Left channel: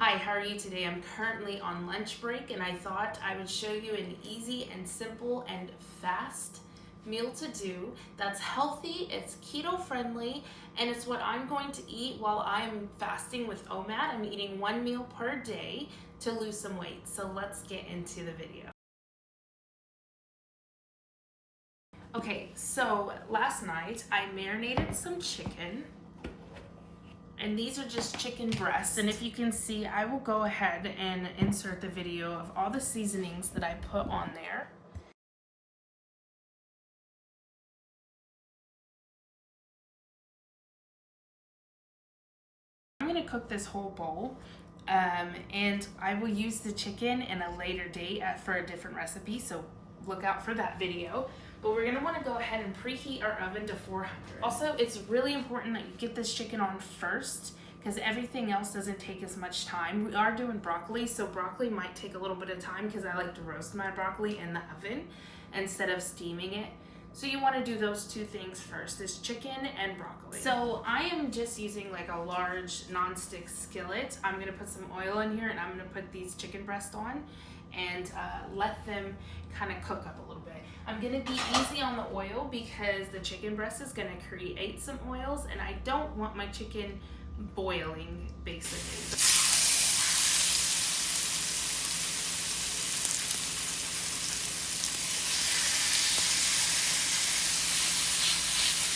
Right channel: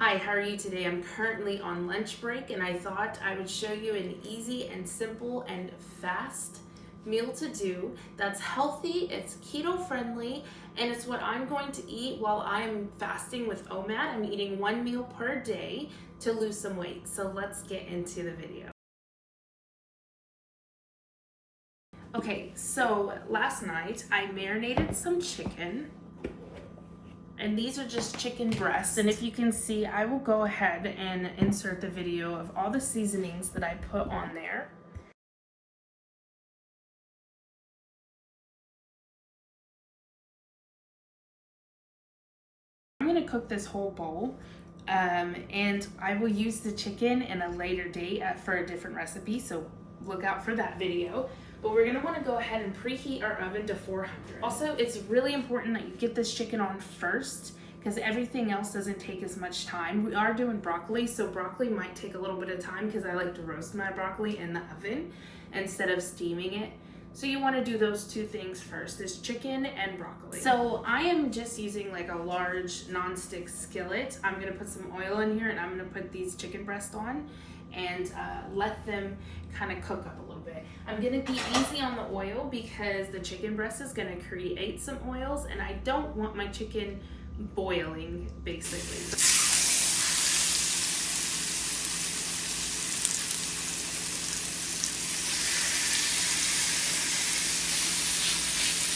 Hi, how are you today? I'm currently on lunch break and I thought I would show you an easy and simple and fast meal to do that's healthy, it's keto friendly, and it's what I'm going to eat while I'm fasting with Omad. I'm eating one meal per day to lose some weight. So let's get into the video. Okay, so last night I marinated some chicken. And these are just chicken breasts. And if you can see, I will go ahead and insert the video of all the seasonings that I put on there. I'm gonna cook this whole bowl and I will use the chicken in a later date for a different recipe. So look out for that video. But we're gonna wanna go ahead and preheat our oven to 400. Also, it's really important that you get this chicken on first because everything else doesn't take as much time. We are doing broccoli, so broccoli might take a little bit of time because I like to roast my broccoli in the oven instead of steaming it. So you want to do those two things first, is chicken and broccoli. So I am just using like a large nonstick skillet. I'm gonna put some oil in here and I'm gonna put these chicken breasts on and let them kind of cook up a little bit. I'm gonna be easy on the oil because the chicken breast is gonna create some oils and I don't want my chicken boiling basically.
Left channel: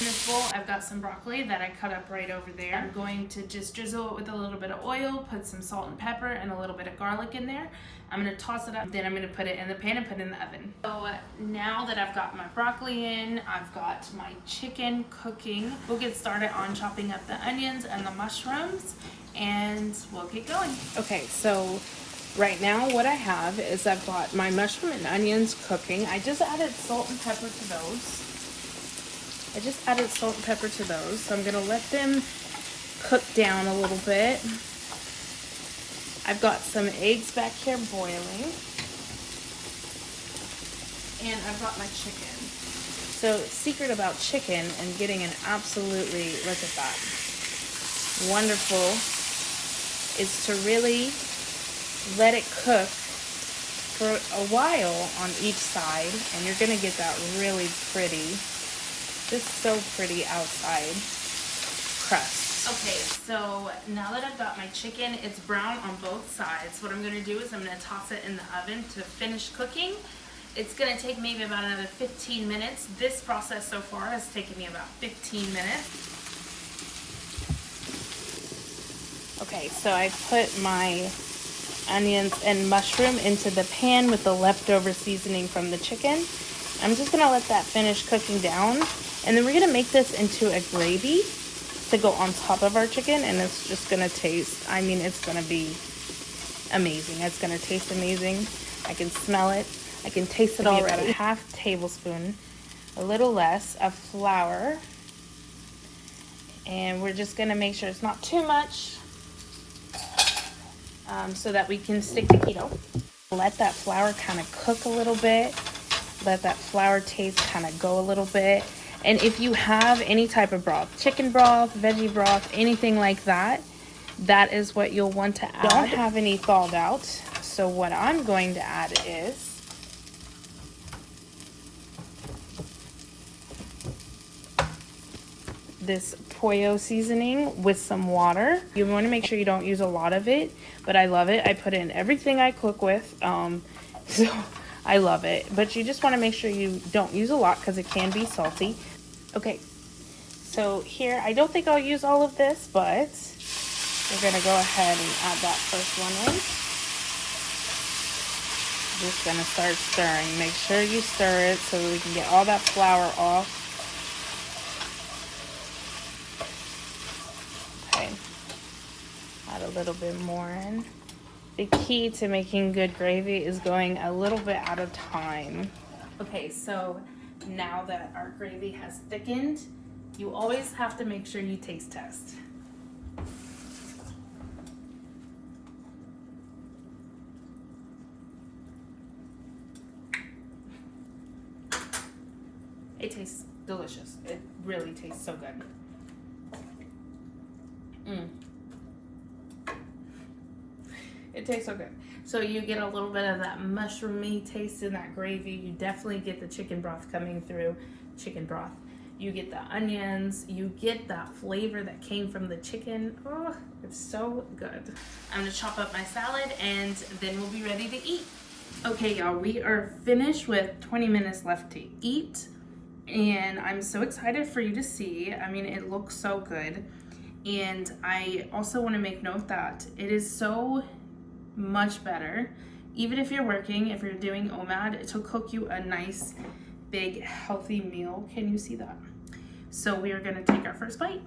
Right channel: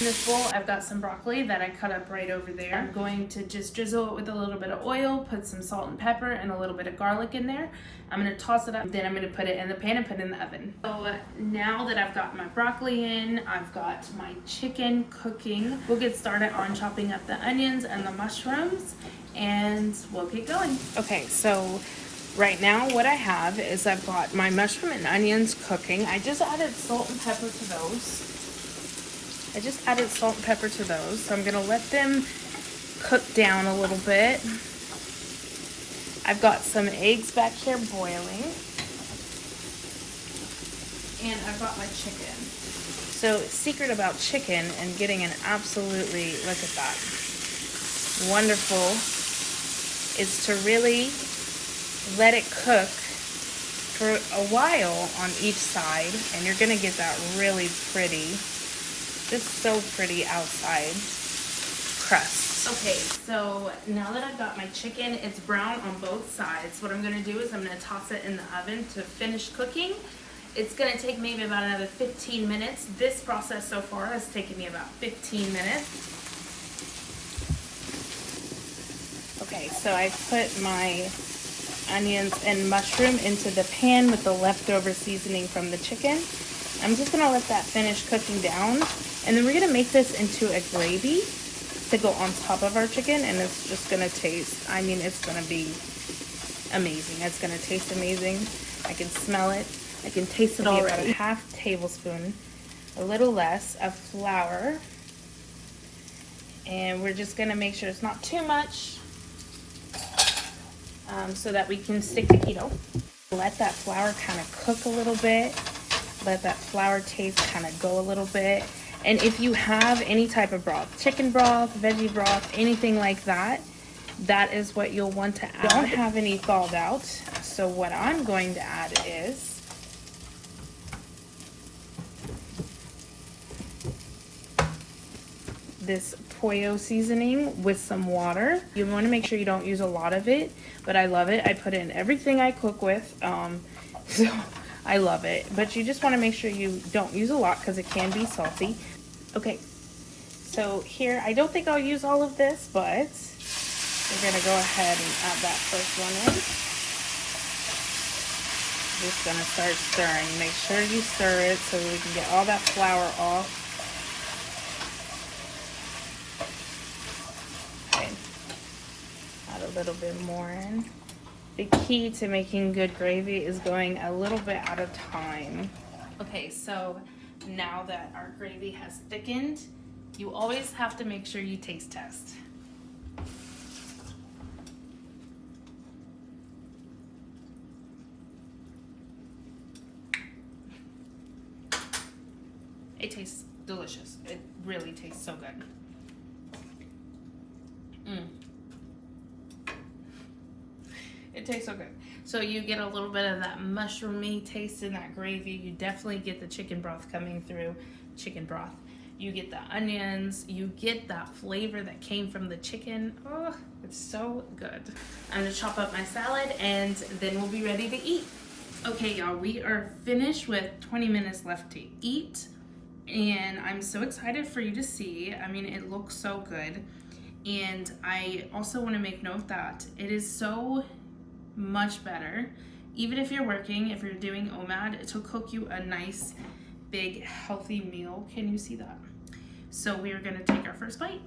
In this bowl, I've got some broccoli that I cut up right over there. I'm going to just drizzle it with a little bit of oil, put some salt and pepper and a little bit of garlic in there. I'm gonna toss it up, then I'm gonna put it in the pan and put it in the oven. So now that I've got my broccoli in, I've got my chicken cooking. We'll get started on chopping up the onions and the mushrooms and we'll get going. Okay, so right now what I have is I've got my mushroom and onions cooking. I just added salt and pepper to those. So I'm gonna let them cook down a little bit. I've got some eggs back here boiling. And I've got my chicken. So the secret about chicken and getting an absolutely, look at that, wonderful, is to really let it cook for a while on each side. And you're gonna get that really pretty, just so pretty outside crust. Okay, so now that I've got my chicken, it's brown on both sides. What I'm gonna do is I'm gonna toss it in the oven to finish cooking. It's gonna take maybe about another 15 minutes. This process so far has taken me about 15 minutes. Okay, so I put my onions and mushroom into the pan with the leftover seasoning from the chicken. I'm just gonna let that finish cooking down. And then we're gonna make this into a gravy to go on top of our chicken, and it's just gonna taste, I mean, it's gonna be amazing. It's gonna taste amazing. I can smell it. I can taste it already. About a half tablespoon, a little less, of flour. And we're just gonna make sure it's not too much so that we can stick to keto. Let that flour kind of cook a little bit. Let that flour taste kind of go a little bit. And if you have any type of broth, chicken broth, veggie broth, anything like that, that is what you'll want to add. I don't have any thawed out, so what I'm going to add is this pollo seasoning with some water. You want to make sure you don't use a lot of it, but I love it. I put it in everything I cook with, so I love it. But you just want to make sure you don't use a lot because it can be salty. Okay, so here, I don't think I'll use all of this, but we're gonna go ahead and add that first one in. Just gonna start stirring. Make sure you stir it so we can get all that flour off. Okay, add a little bit more in. The key to making good gravy is going a little bit at a time. Okay, so now that our gravy has thickened, you always have to make sure you taste test. It tastes delicious. It really tastes so good. It tastes so good. So you get a little bit of that mushroomy taste in that gravy. You definitely get the chicken broth coming through. Chicken broth. You get the onions. You get that flavor that came from the chicken. Oh, it's so good. I'm gonna chop up my salad and then we'll be ready to eat. Okay, y'all, we are finished with 20 minutes left to eat. And I'm so excited for you to see. I mean, it looks so good. And I also want to make note that it is so much better, even if you're working, if you're doing Omad, to cook you a nice, big, healthy meal. Can you see that? So we are going to take our first bite.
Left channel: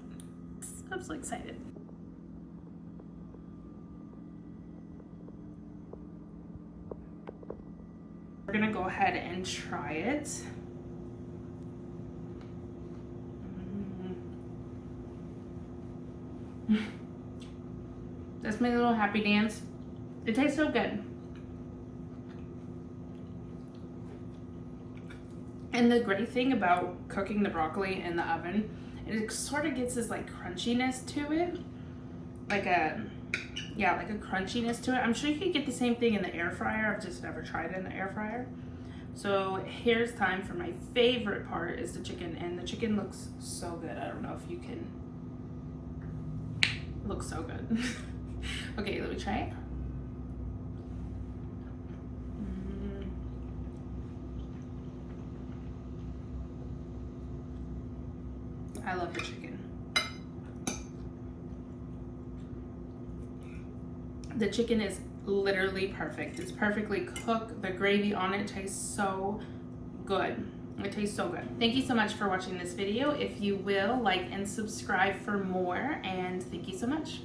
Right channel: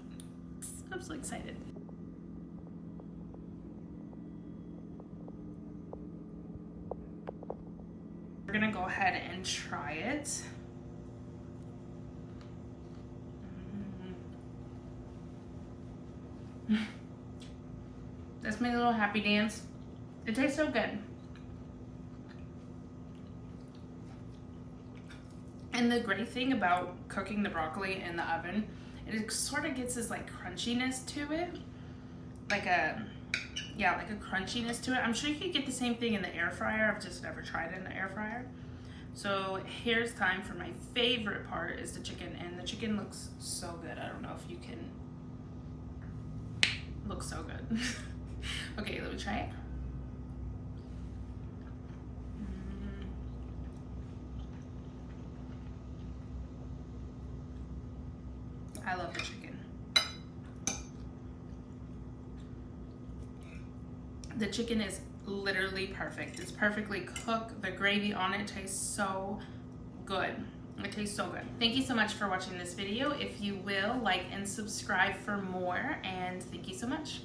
I'm so excited. We're going to go ahead and try it. That's my little happy dance. It tastes so good. And the great thing about cooking the broccoli in the oven, it sort of gets this like crunchiness to it. Like a crunchiness to it. I'm sure you could get the same thing in the air fryer. I've just never tried it in the air fryer. So here's time for my favorite part, is the chicken. And the chicken looks so good. I don't know if you can. It looks so good. Okay, let me try it. I love the chicken. The chicken is literally perfect. It's perfectly cooked. The gravy on it tastes so good. It tastes so good. Thank you so much for watching this video. If you will, like and subscribe for more, and thank you so much.